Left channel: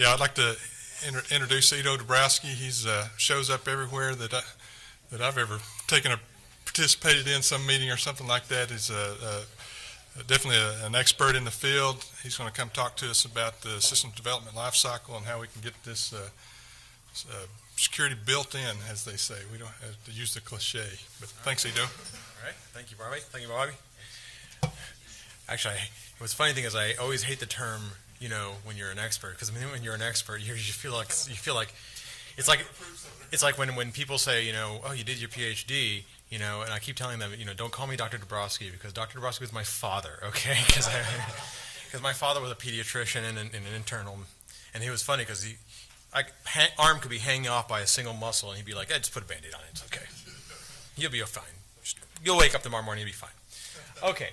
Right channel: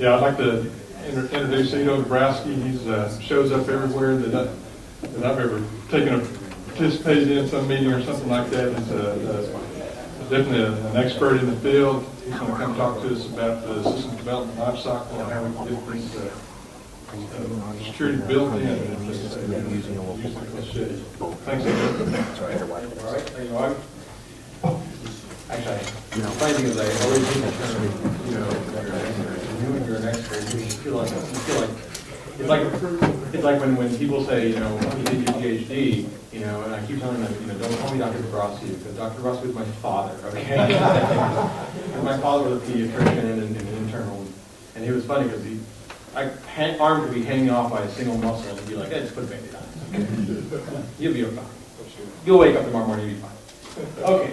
Yeah, I'd like to introduce Dubrawskiv. He's shows up everywhere that I've ever participated in some meeting or something like that. He's definitely an expert in the field. He's going to come talk to us about the system development lifecycle and how we can get this security built in, as they say. We don't use the cliche. Thanks, Edo. All right, thank you, Bobby. Actually, the funny thing is, I always hate the term, when you're an expert. Because when you're an expert, you just feel like it's like when people say, oh, you did your PhD, and I keep telling them, don't call me Dr. Dubrawskiv, because Dr. Dubrawskiv is my father, okay? Because my father was a pediatrician and an internal, and he was funny because arm could be hanging off by a single muscle, and he'd be like, hey, just put a Band-Aid on it, it's okay. You'll be fine. You'll wake up tomorrow morning, you'll be fine. Okay.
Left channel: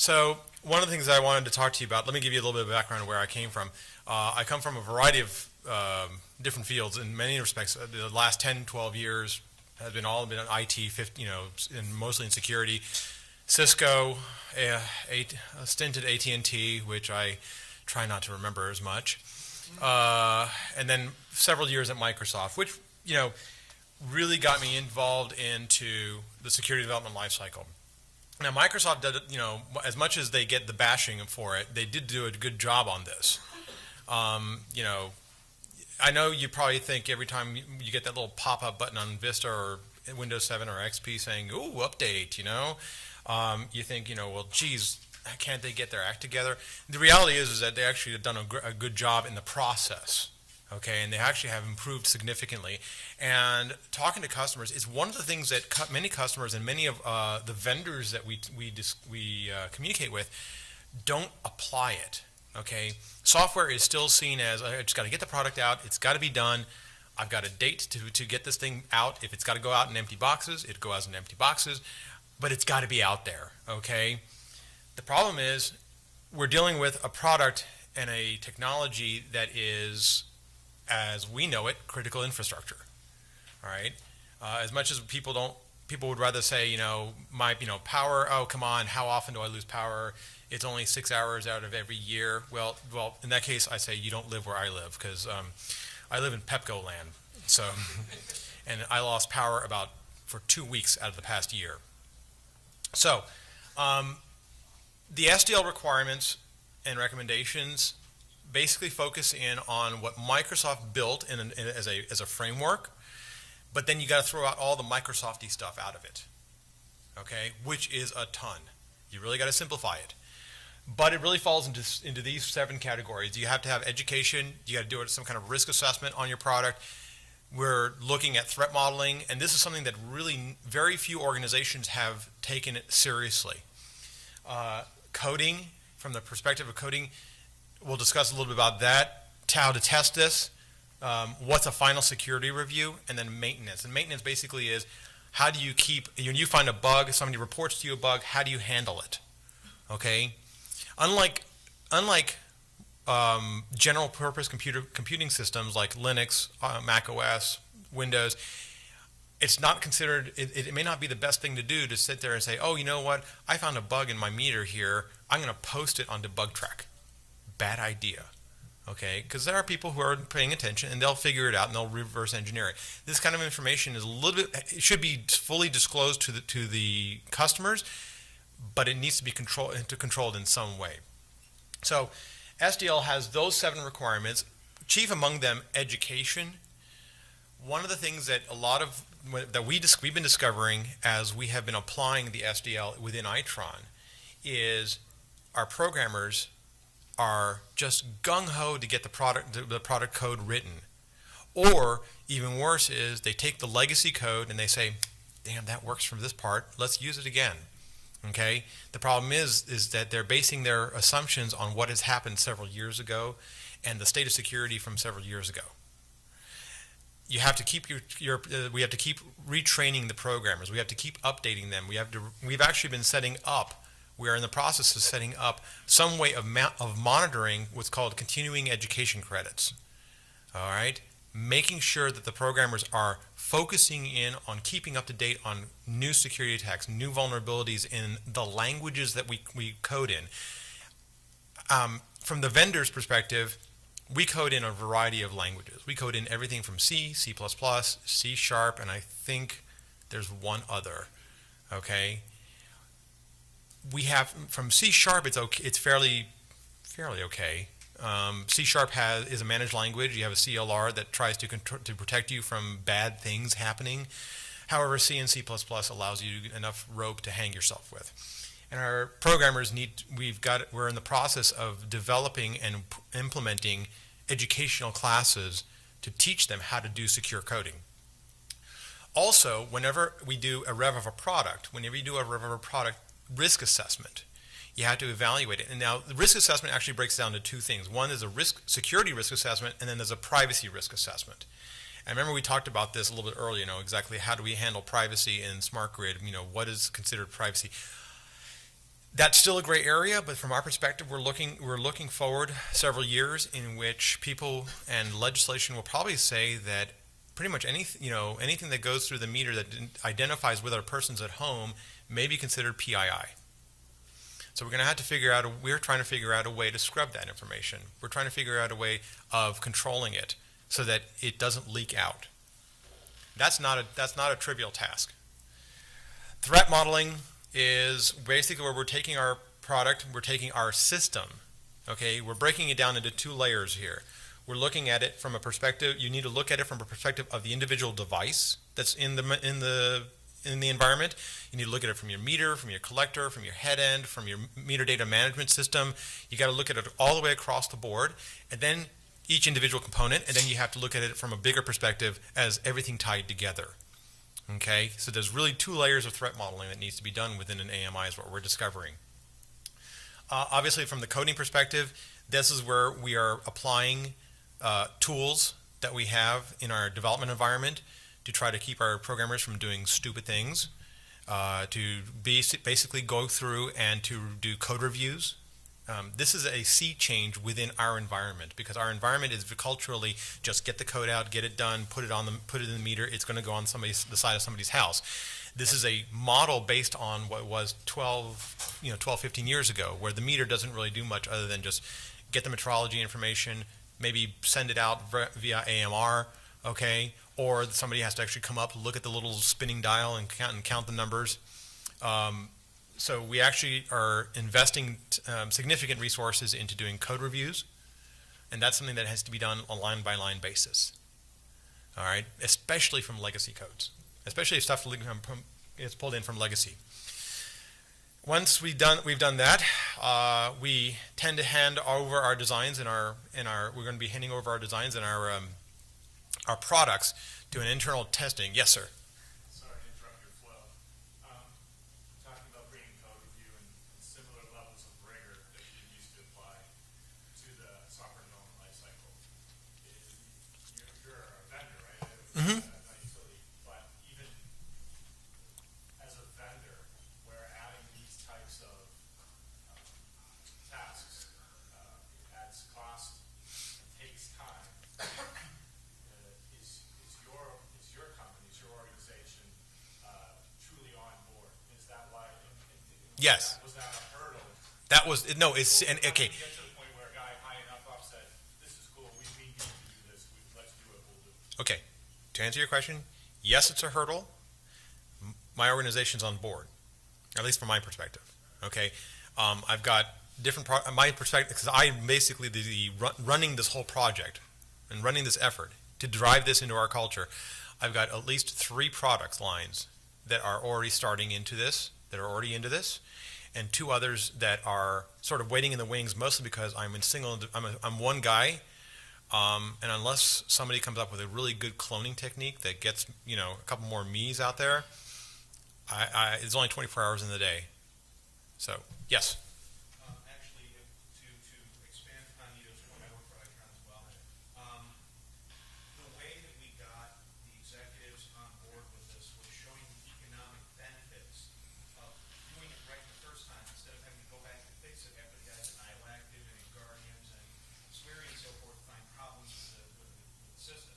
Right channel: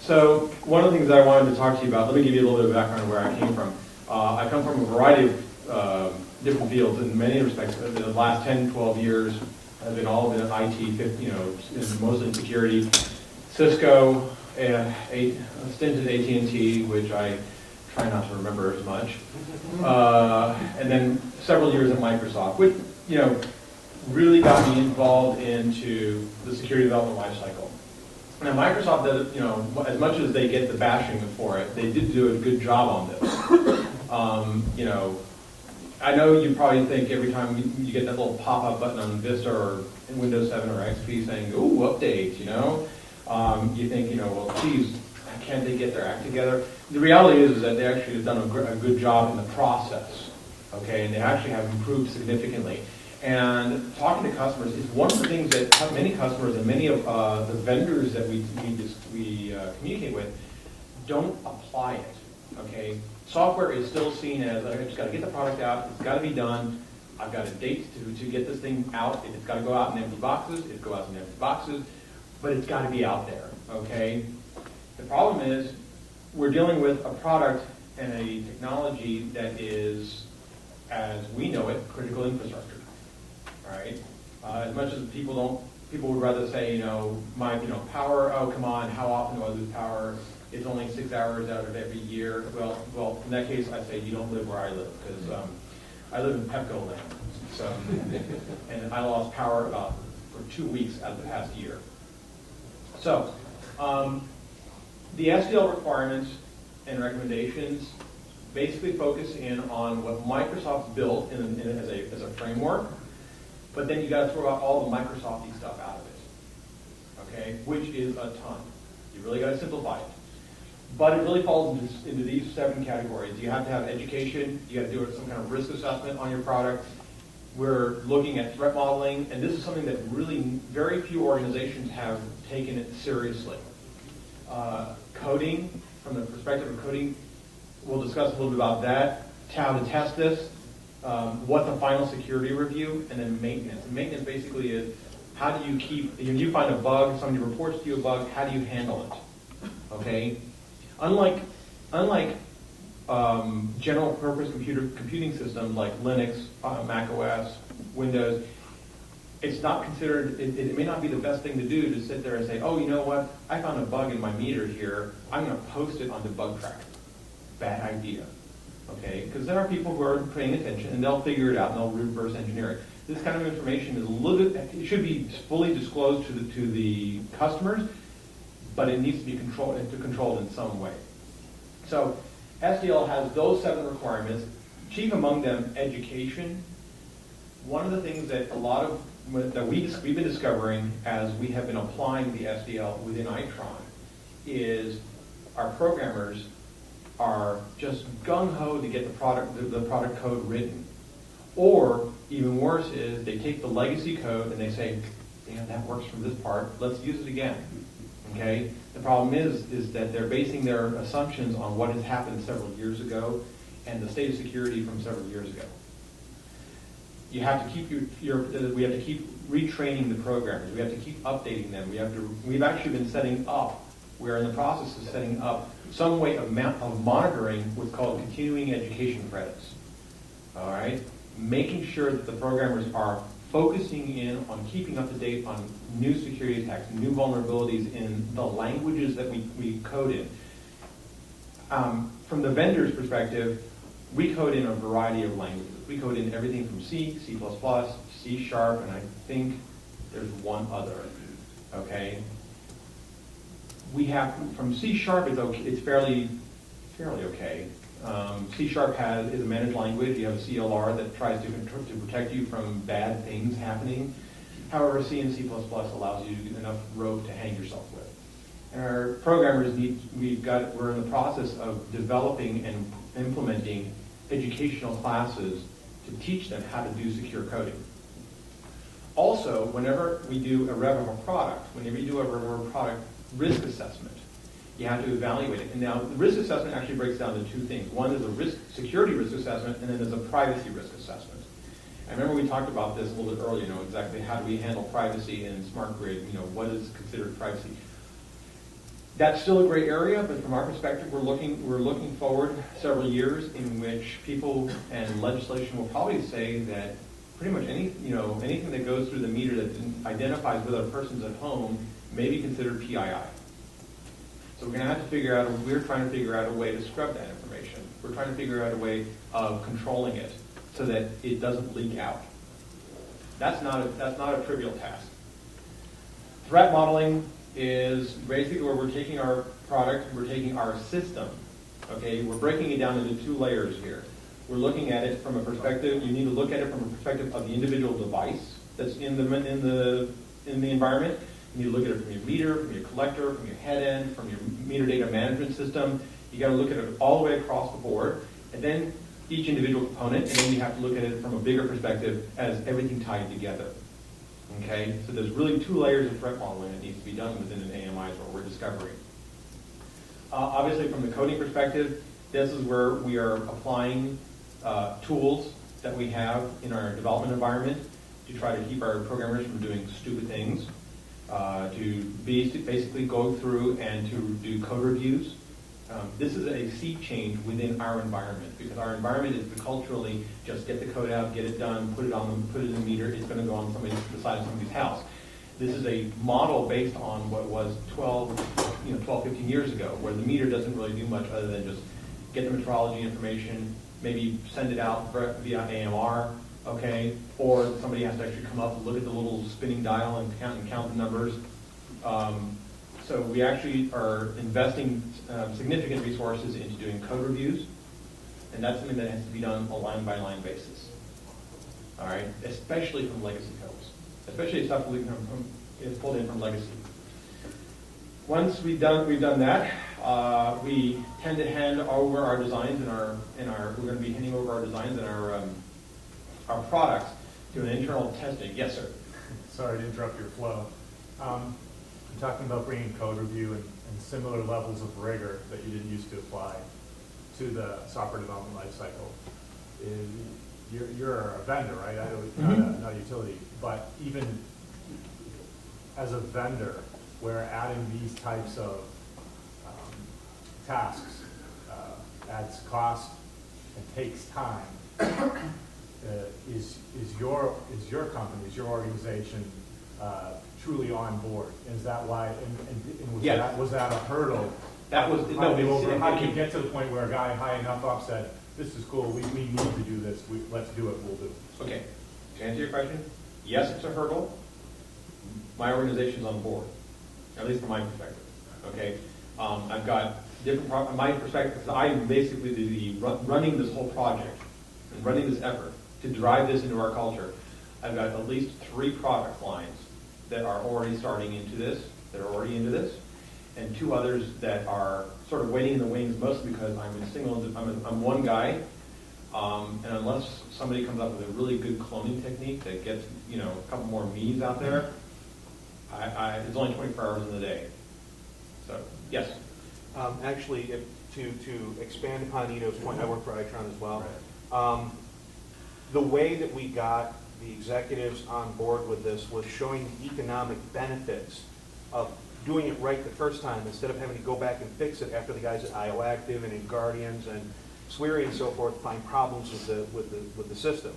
So one of the things that I wanted to talk to you about, let me give you a little bit of background on where I came from. I come from a variety of different fields in many respects. The last 10, 12 years have been all been IT, mostly in security. Cisco, a stint at AT&T, which I try not to remember as much. And then several years at Microsoft, which really got me involved into the security development lifecycle. Now, Microsoft did it, as much as they get the bashing for it, they did do a good job on this. I know you probably think every time you get that little pop-up button on Vista or Windows 7 or XP saying, ooh, update, you think, well, geez, can't they get their act together? The reality is that they actually have done a good job in the process, okay, and they actually have improved significantly. And talking to customers is one of the things that many customers and many of the vendors that we communicate with don't apply it. Okay, software is still seen as I just got to get the product out. It's got to be done. I've got a date to get this thing out. If it's got to go out in empty boxes, it goes out in empty boxes. But it's got to be out there. Okay. The problem is we're dealing with a product and a technology that is, as we know it, critical infrastructure. Right? As much as people would rather say, my power, oh, come on, how often do I lose power? It's only 6 hours out of every year. Well, in that case, I say you don't live where I live, because I live in Pepco land. So, and I lost power for 2 weeks out of the past year. So, the SDL requirements and recommendations basically focus in on what Microsoft built as a framework. But then you got to throw out all the Microsofty stuff out of it, okay? Which is a ton. You really got to simplify it. But it really falls into these 7 categories. You have to have education. You got to do some kind of risk assessment on your product. We're looking at threat modeling, and this is something that really very few organizations have taken it seriously. Coding, from the perspective of coding, we'll discuss a little bit about that. How to test this. What's a final security review, and then maintenance. And maintenance basically is how do you keep, when you find a bug, somebody reports to you a bug, how do you handle it? Okay? Unlike general purpose computing systems like Linux, Mac OS, Windows, it's not considered, it may not be the best thing to do to sit there and say, oh, you know what, I found a bug in my meter here, I'm going to post it on Debug Track. Bad idea. Okay, because there are people who are paying attention and they'll figure it out and they'll reverse engineer it. This kind of information is it should be fully disclosed to the customers, but it needs to be controlled in some way. So SDL has those 7 requirements. Chief among them, education. One of the things that we've been discovering as we have been applying the SDL within Itron is our programmers are just gung-ho to get the product code written. Or, even worse is, they take the legacy code and they say, damn, that works for this part, let's use it again. Okay? The problem is that they're basing their assumptions on what has happened several years ago and the state of security from several years ago. You have to keep we have to keep retraining the programmers. We have to keep updating them. We've actually been setting up, we're in the process of setting up some way of monitoring what's called continuing education credits. All right? Making sure that the programmers are focusing in on keeping up to date on new security attacks, new vulnerabilities in the languages that we code in. From the vendor's perspective, We code in a variety of languages. We code in everything from C, C++, C Sharp, and I think there's one other, okay? We have, from C Sharp, it's okay, it's fairly okay. C Sharp is a managed language. You have a CLR that tries to protect you from bad things happening. However, C and C++ allows you enough rope to hang yourself with. And our programmers we're in the process of developing and implementing educational classes to teach them how to do secure coding. Also, whenever we do a rev of a product, risk assessment, you have to evaluate it. And now, the risk assessment actually breaks down to two things. One is a security risk assessment, and then there's a privacy risk assessment. I remember we talked about this a little bit earlier, exactly how do we handle privacy in smart grid, what is considered privacy. That's still a gray area, but from our perspective, we're looking forward several years in which people and legislation will probably say that pretty much anything that goes through the meter that identifies whether a person's at home may be considered PII. So we're going to have to we're trying to figure out a way to scrub that information. We're trying to figure out a way of controlling it so that it doesn't leak out. That's not a trivial task. Threat modeling is basically where we're taking our product, we're taking our system, okay? We're breaking it down into two layers here. We're looking at it from a perspective, you need to look at it from a perspective of the individual device that's in the environment. You need to look at it from your meter, from your collector, from your head end, from your meter data management system. You got to look at it all the way across the board, and then each individual component, and then you have to look at it from a bigger perspective as everything tied together. Okay, so there's really two layers of threat modeling that needs to be done within an AMI is what we're discovering. Obviously, from the coding perspective, this is where we are applying tools that we have in our development environment to try to keep our programmers from doing stupid things, to basically go through and to do code reviews. This is a sea change within our environment because our environment is culturally just get the code out, get it done, put it in the meter. It's going to go on the side of somebody's house. This is a model based on what was 12, 15 years ago, where the meter doesn't really do much other than just get the metrology information, maybe send it out via AMR, okay, or somebody has to actually come up and look at the little spinning dial and count the numbers. So we actually are investing significant resources into doing code reviews, and that's something that has to be done on a line-by-line basis. All right, especially from legacy codes, especially if stuff is pulled in from legacy. Once we've done that, we tend to hand over our designs we're going to be handing over our designs and our products to an internal testing. Yes, sir. Sorry to interrupt your flow. You're talking about bringing code review and similar levels of rigor that you didn't used to apply to the software development lifecycle. You're a vendor, right? I know not a utility, but even as a vendor, where adding these types of tasks adds cost and takes time, is your company, is your organization truly on board? Is that why? And yes. Was that a hurdle? That was no. It's how did you get to the point where a guy high enough up said, "This is cool. We need to do this. Let's do it. We'll do it." Okay. To answer your question, yes, it's a hurdle. My organization's on board, at least from my perspective. Okay. I've got different my perspective because I'm basically running this whole project and running this effort to drive this into our culture. I've got at least 3 product lines that are already starting into this, and 2 others that are sort of waiting in the wings, mostly because I'm one guy, and unless somebody comes up with a really good cloning technique that gets a couple more me's out there, it's only 24 hours in the day. So yes. Actually, to expand upon Ito's point, I work for Itron as well. Right. The way that we got the executives on board with this was showing the economic benefits of doing it right the first time instead of having to go back and fix it after the guys at IO Active and in Guardians and Sweary and so forth find problems with the system.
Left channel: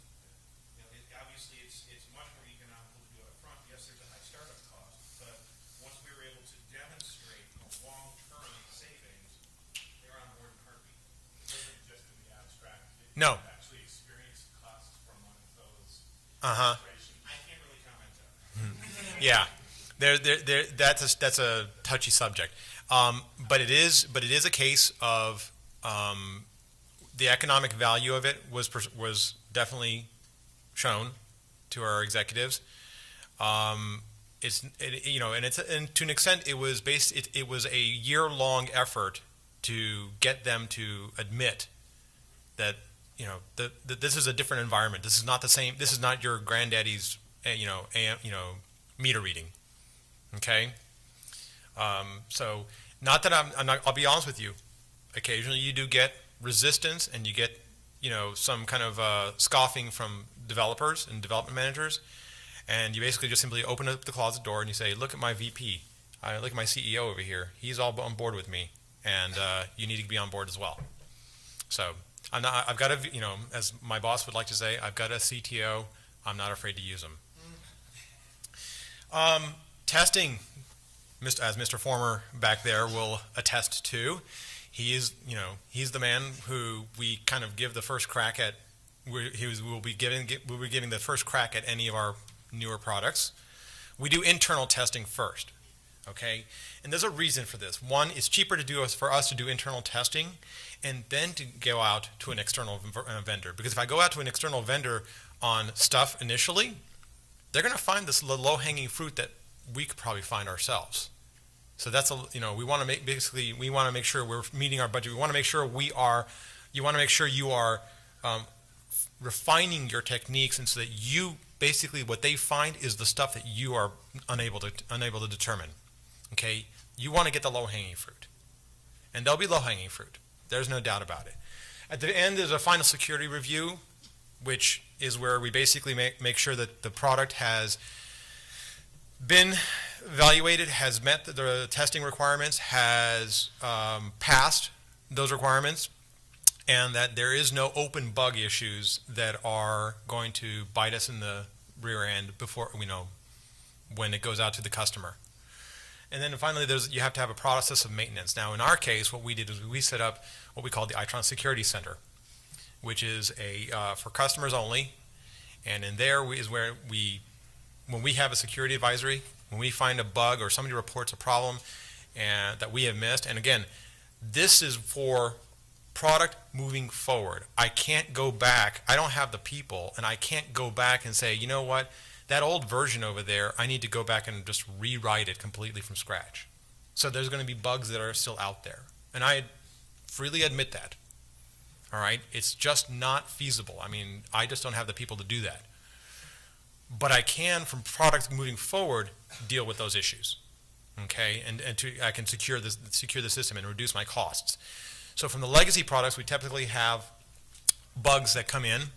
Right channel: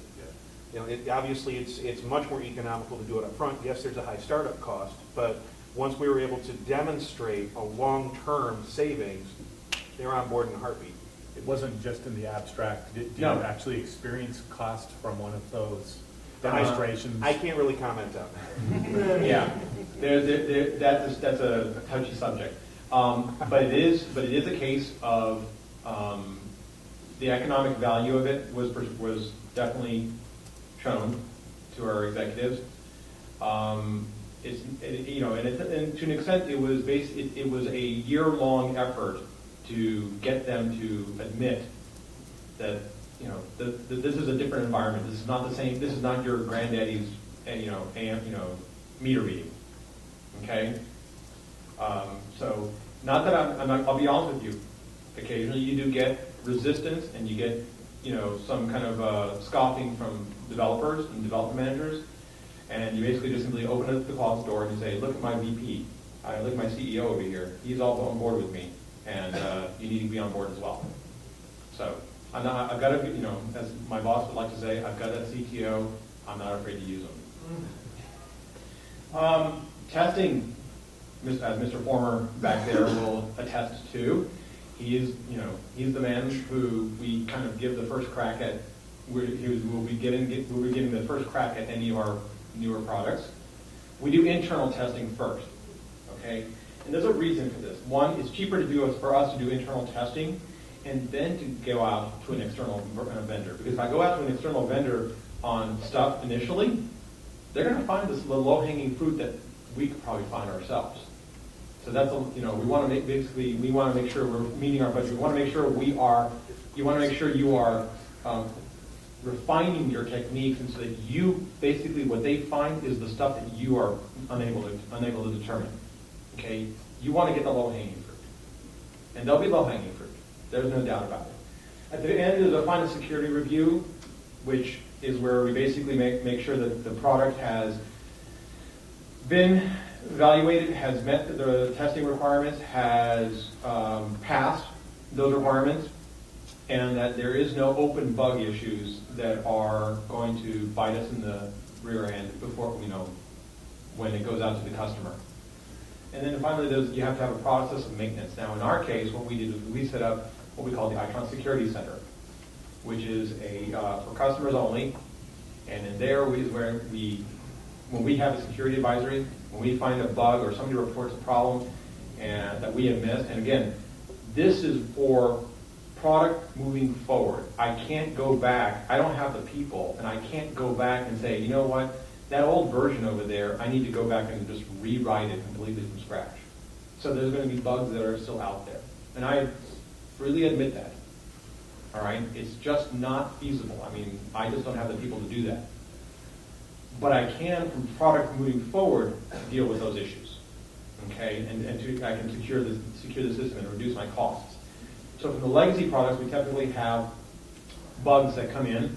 Yeah. Obviously it's much more economical to do it up front. Yes, there's a high startup cost, but once we were able to demonstrate a long-term savings, they're on board in a heartbeat. It wasn't just in the abstract. Did No. you actually experience cost from one of those Uh-huh. demonstrations? I can't really comment on that. Yeah, that's a touchy subject. But it is a case of the economic value of it was definitely shown to our executives. And to an extent, it was a year-long effort to get them to admit that that this is a different environment. This is not the same. This is not your granddaddy's meter reading. Okay. So not that I'll be honest with you. Occasionally, you do get resistance, and you get some kind of scoffing from developers and development managers. And you basically just simply open up the closet door and you say, look at my VP, look at my CEO over here. He's all on board with me, and you need to be on board as well. So I've got a, as my boss would like to say, I've got a CTO. I'm not afraid to use them. Testing, as Mr. Former back there will attest to, he's the man who we kind of give the first crack at. We'll be giving the first crack at any of our newer products. We do internal testing first, okay? And there's a reason for this. One, it's cheaper for us to do internal testing and then to go out to an external vendor. Because if I go out to an external vendor on stuff initially, they're going to find this low-hanging fruit that we could probably find ourselves. So that's we want to make sure we're meeting our budget. We want to make sure you want to make sure you are refining your techniques, and so that you basically what they find is the stuff that you are unable to determine. Okay, you want to get the low-hanging fruit, and there'll be low-hanging fruit. There's no doubt about it. At the end, there's a final security review, which is where we basically make sure that the product has been evaluated, has met the testing requirements, has passed those requirements, and that there is no open bug issues that are going to bite us in the rear end before when it goes out to the customer. And then finally, you have to have a process of maintenance. Now, in our case, what we did is we set up what we call the Itron Security Center, which is for customers only. And in there is where when we have a security advisory, when we find a bug or somebody reports a problem that we have missed, and again, this is for product moving forward. I can't go back. I don't have the people, and I can't go back and say, you know what, that old version over there, I need to go back and just rewrite it completely from scratch. So there's going to be bugs that are still out there, and I freely admit that. All right, it's just not feasible. I mean, I just don't have the people to do that. But I can, from products moving forward, deal with those issues. Okay, I can secure the system and reduce my costs. So from the legacy products, we typically have bugs that come in,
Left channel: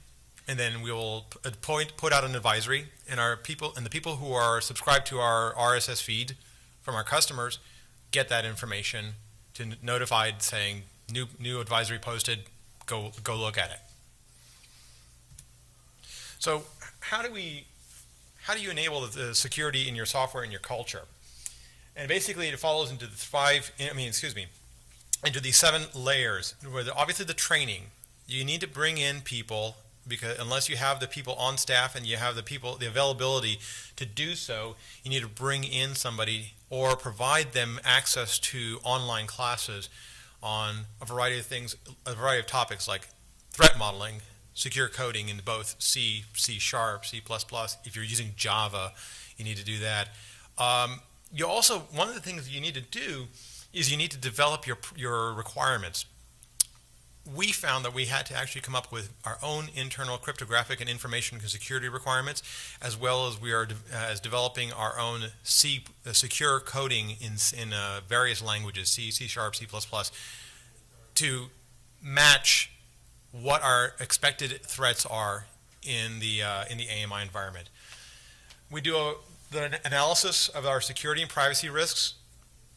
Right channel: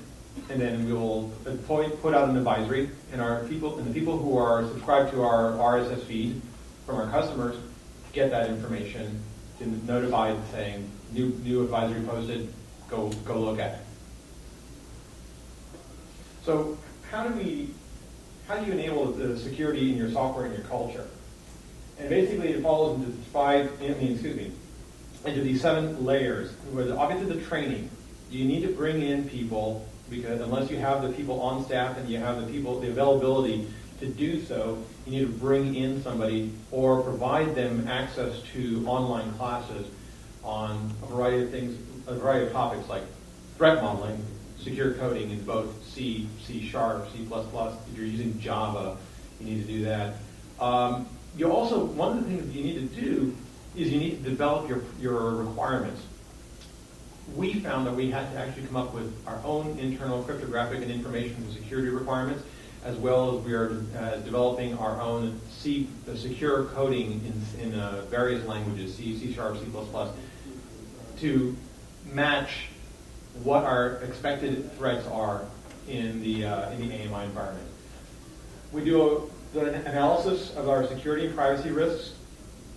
and then we will put out an advisory, and the people who are subscribed to our RSS feed from our customers get that information to notified saying new advisory posted. Go look at it. So how do you enable the security in your software and your culture? And basically, it falls into into these 7 layers, where obviously the training, you need to bring in people, because unless you have the people on staff and you have the availability to do so, you need to bring in somebody or provide them access to online classes on a variety of things, a variety of topics like threat modeling, secure coding in both C, C#, C++. If you're using Java, you need to do that. You also, one of the things you need to do is you need to develop your requirements. We found that we had to actually come up with our own internal cryptographic and information security requirements, as well as we are developing our own secure coding in various languages, C, C#, C++, to match what our expected threats are in the AMI environment. We do the analysis of our security and privacy risks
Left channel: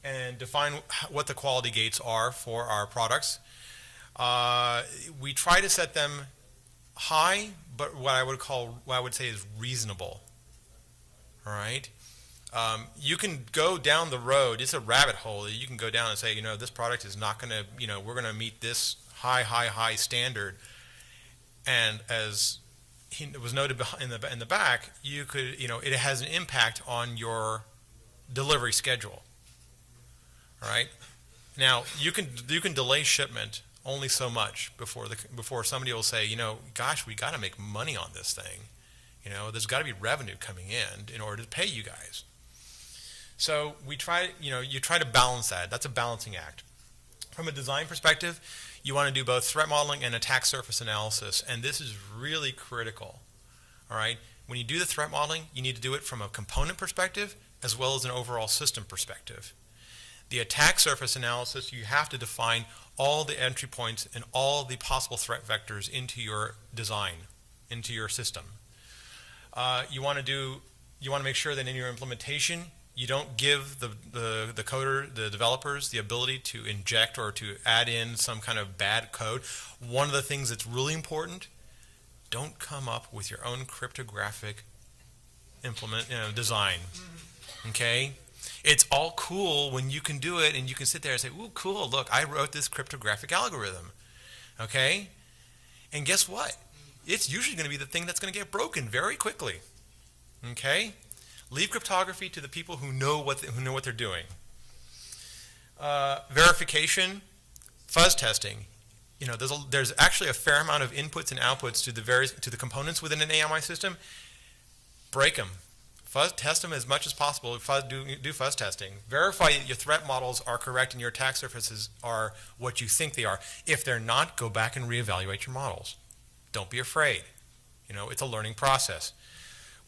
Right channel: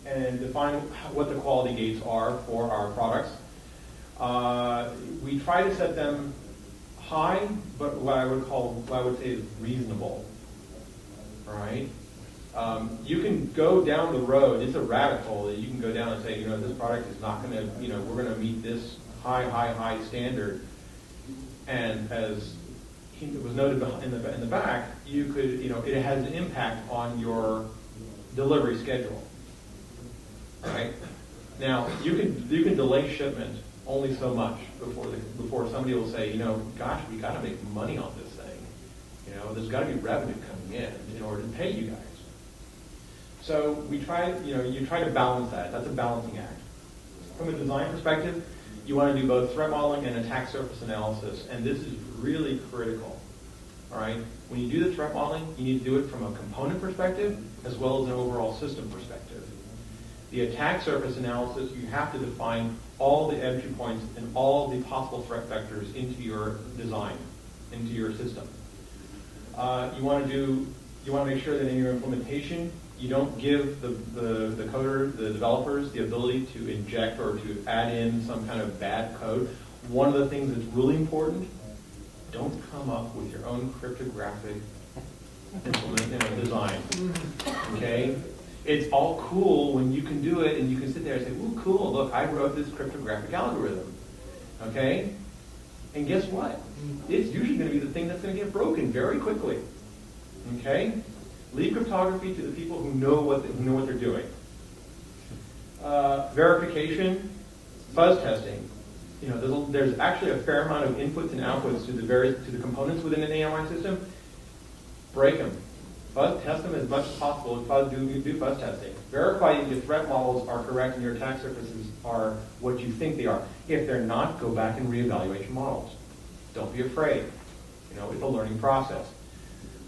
and define what the quality gates are for our products. We try to set them high, but what I would say is reasonable. All right. You can go down the road. It's a rabbit hole that you can go down and say, this product is not going to, we're going to meet this high standard. And as it was noted in the back, you could, it has an impact on your delivery schedule. All right. Now you can delay shipment only so much before somebody will say, gosh, we got to make money on this thing. There's got to be revenue coming in order to pay you guys. So we try, you try to balance that. That's a balancing act. From a design perspective, you want to do both threat modeling and attack surface analysis, and this is really critical. All right? When you do the threat modeling, you need to do it from a component perspective as well as an overall system perspective. The attack surface analysis, you have to define all the entry points and all the possible threat vectors into your design, into your system. You want to make sure that in your implementation, you don't give the coder, the developers, the ability to inject or to add in some kind of bad code. One of the things that's really important, don't come up with your own cryptographic design. Okay? It's all cool when you can do it and you can sit there and say, ooh, cool, look, I wrote this cryptographic algorithm. Okay? And guess what? It's usually going to be the thing that's going to get broken very quickly. Okay? Leave cryptography to the people who know what they're doing. Verification, fuzz testing. There's actually a fair amount of inputs and outputs to the components within an AMI system. Break them. Test them as much as possible. Do fuzz testing. Verify that your threat models are correct and your attack surfaces are what you think they are. If they're not, go back and reevaluate your models. Don't be afraid. It's a learning process.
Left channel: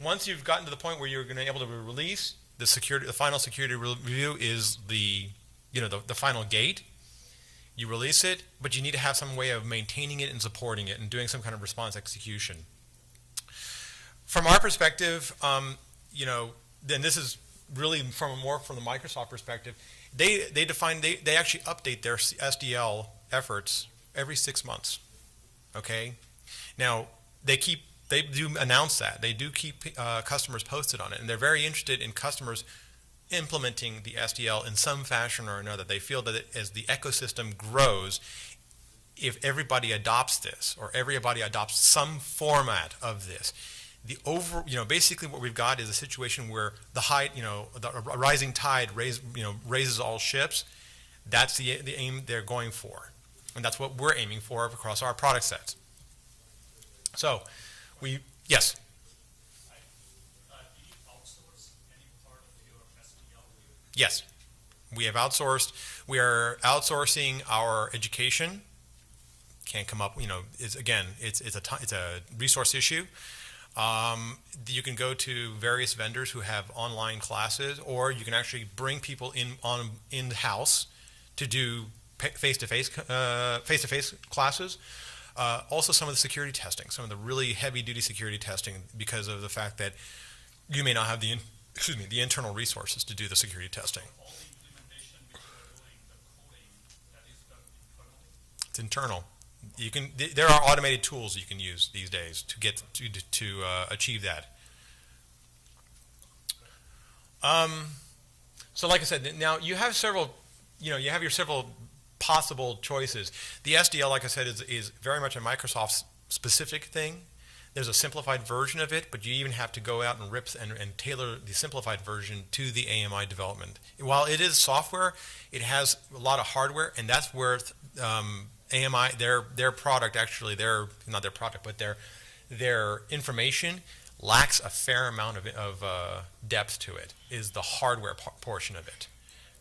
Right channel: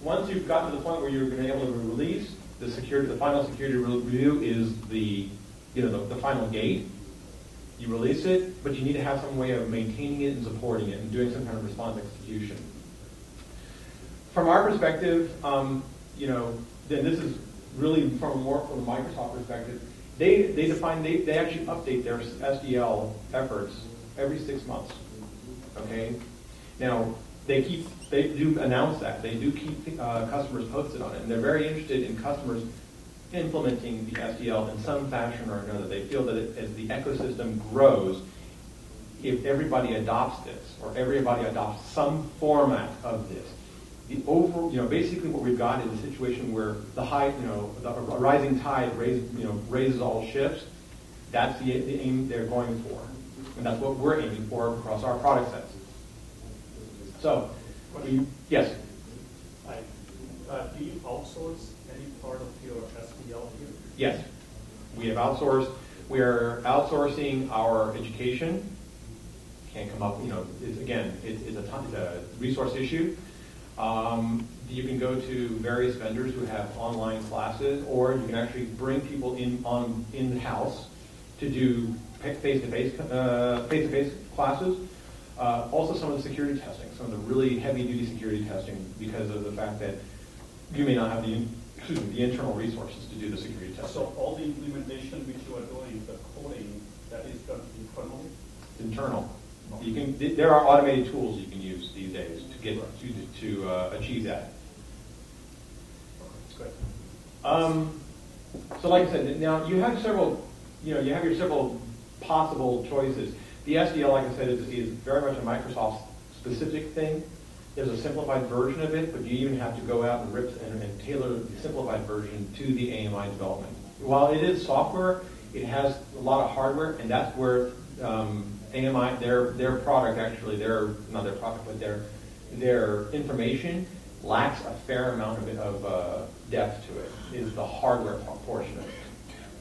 Once you've gotten to the point where you're going to be able to release, the final security review is the final gate. You release it, but you need to have some way of maintaining it and supporting it and doing some kind of response execution. From our perspective, then this is really from the Microsoft perspective. They actually update their SDL efforts every 6 months. Okay, now they do announce that. They do keep customers posted on it, and they're very interested in customers implementing the SDL in some fashion or another. They feel that as the ecosystem grows, if everybody adopts this, or everybody adopts some format of this, basically what we've got is a situation where the rising tide raises all ships. That's the aim they're going for, and that's what we're aiming for across our product sets. So, yes. Hi. Do you outsource any part of your SDL here? Yes, we have outsourced. We are outsourcing our education. Can't come up. It's a resource issue. You can go to various vendors who have online classes, or you can actually bring people in the house to do face-to-face classes. Also, some of the security testing, some of the really heavy-duty security testing, because of the fact that you may not have the internal resources to do the security testing. So all the implementation which you are doing, the coding, that is done internally? It's internal. There are automated tools you can use these days to get to achieve that. Great. So, like I said, now you have your several possible choices. The SDL, like I said, is very much a Microsoft specific thing. There's a simplified version of it, but you even have to go out and tailor the simplified version to the AMI development. While it is software, it has a lot of hardware, and that's where AMI, their product actually, not their product, but their information lacks a fair amount of depth to it, is the hardware portion of it,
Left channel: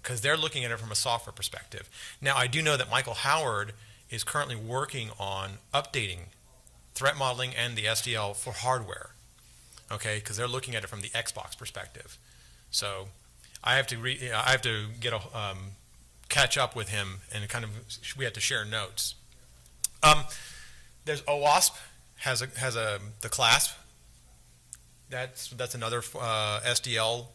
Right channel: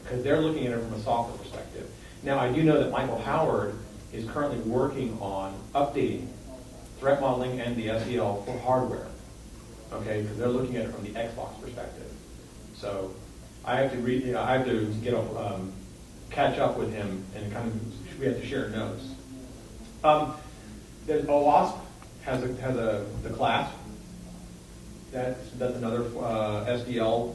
because they're looking at it from a software perspective. Now, I do know that Michael Howard is currently working on updating threat modeling and the SDL for hardware, okay, because they're looking at it from the Xbox perspective. So I have to catch up with him, and we have to share notes. There's OWASP has the CLASP. That's another SDL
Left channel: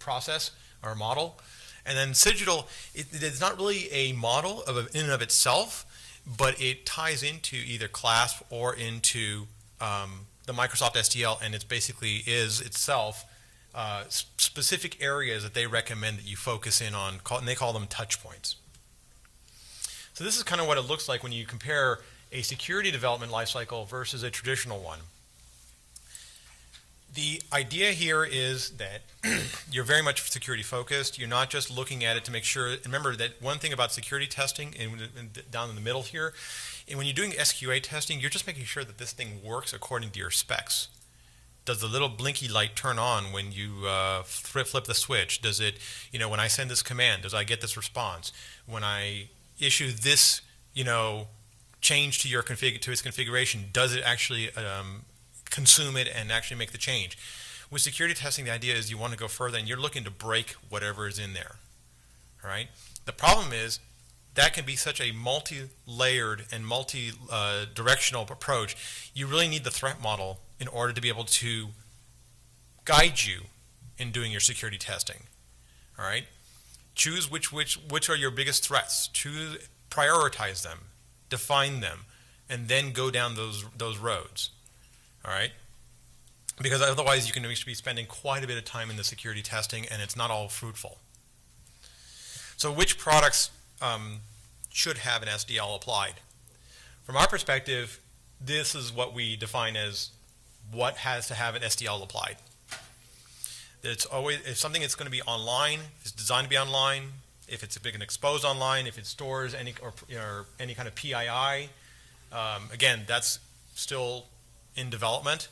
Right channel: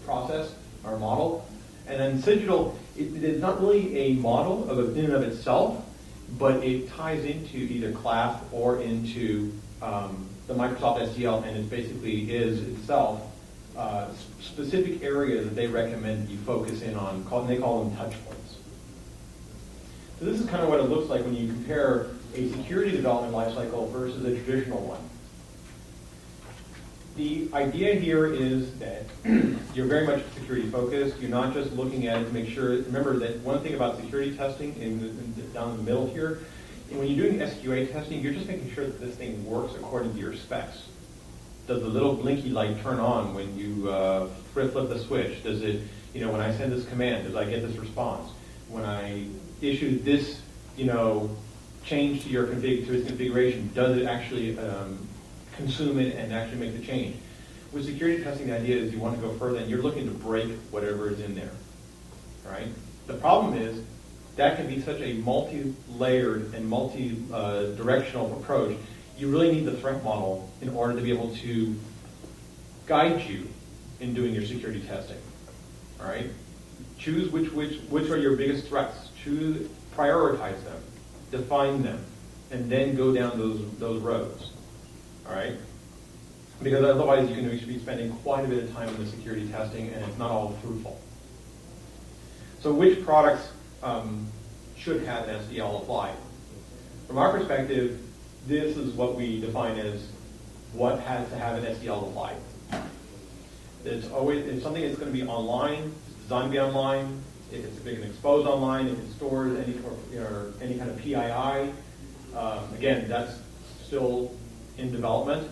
process or model, and then Cigital. It's not really a model in and of itself, but it ties into either CLASP or into the Microsoft SDL, and it basically is itself specific areas that they recommend that you focus in on, and they call them touch points. So So this is kind of what it looks like when you compare a security development lifecycle versus a traditional one. The idea here is that you're very much security focused. You're not just looking at it to make sure. Remember that one thing about security testing, down in the middle here, and when you're doing SQA testing, you're just making sure that this thing works according to your specs. Does the little blinky light turn on when you flip the switch? Does it, when I send this command, does I get this response? When I issue this, change to its configuration, does it actually consume it and actually make the change? With security testing, the idea is you want to go further and you're looking to break whatever is in there. All right? The problem is that can be such a multi-layered and multi-directional approach. You really need the threat model in order to be able to guide you in doing your security testing. All right? Choose which are your biggest threats. Prioritize them, define them, and then go down those roads. All right? Because otherwise you can be spending quite a bit of time in the security testing and it's not all fruitful. So which products should have an SDL applied? From our perspective, this is what we define as what has to have an SDL applied. It's something that's going to be online, it's designed to be online. If it's big and exposed online, if it stores any kind of PII, again, that's still in development.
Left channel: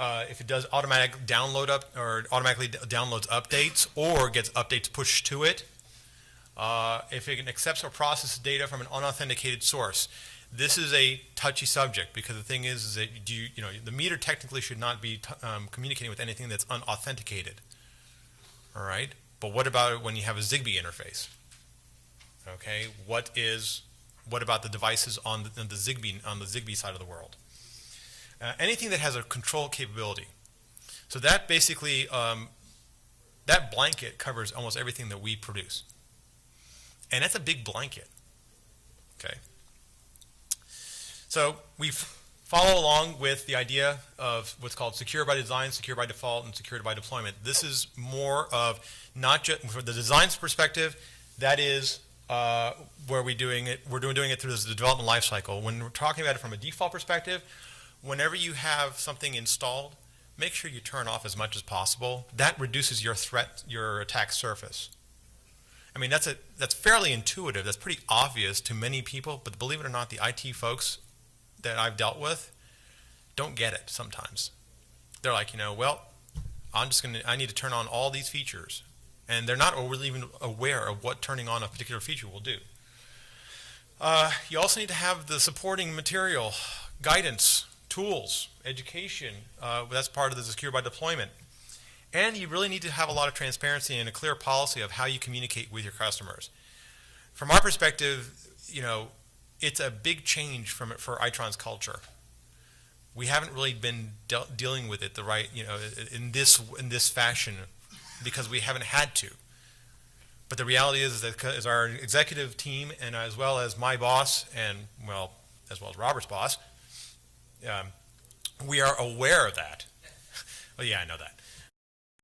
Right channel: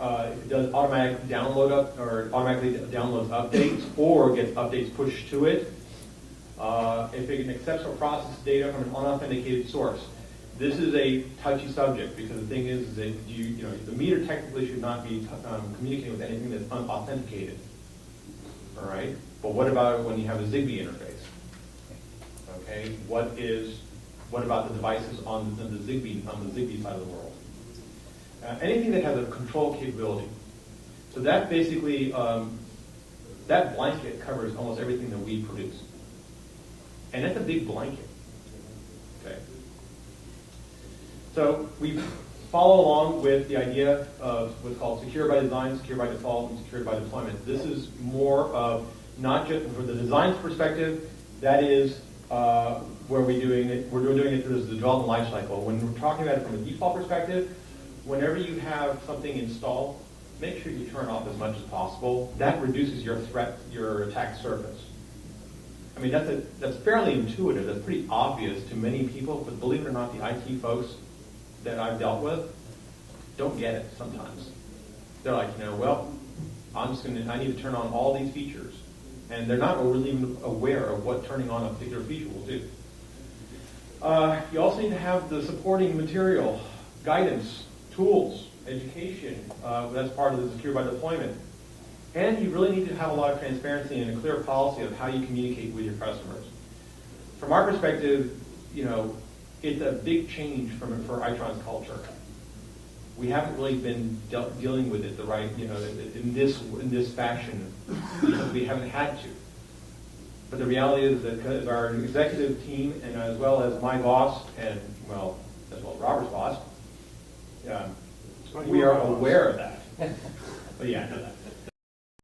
If it does automatic download or automatically downloads updates or gets updates pushed to it, if it accepts or processes data from an unauthenticated source. This is a touchy subject because the thing is that the meter technically should not be communicating with anything that's unauthenticated. All right, but what about it when you have a Zigbee interface? Okay, what about the devices on the Zigbee side of the world? Anything that has a control capability. So that basically that blanket covers almost everything that we produce, and it's a big blanket. Okay. So we follow along with the idea of what's called secure by design, secure by default, and secure by deployment. This is more of not just from the design's perspective. That is where we're doing it. We're doing it through the development lifecycle. When we're talking about it from a default perspective, whenever you have something installed, make sure you turn off as much as possible. That reduces your attack surface. I mean, that's fairly intuitive. That's pretty obvious to many people, but believe it or not, the IT folks that I've dealt with don't get it sometimes. They're like, well, I need to turn on all these features. And they're not really even aware of what turning on a particular feature will do. You also need to have the supporting material, guidance, tools, education. That's part of the secure by deployment. And you really need to have a lot of transparency and a clear policy of how you communicate with your customers. From our perspective, it's a big change for Itron's culture. We haven't really been dealing with it in this fashion because we haven't had to. But the reality is that as our executive team and as well as my boss and as well as Robert's boss, we are aware of that. But yeah, I know that.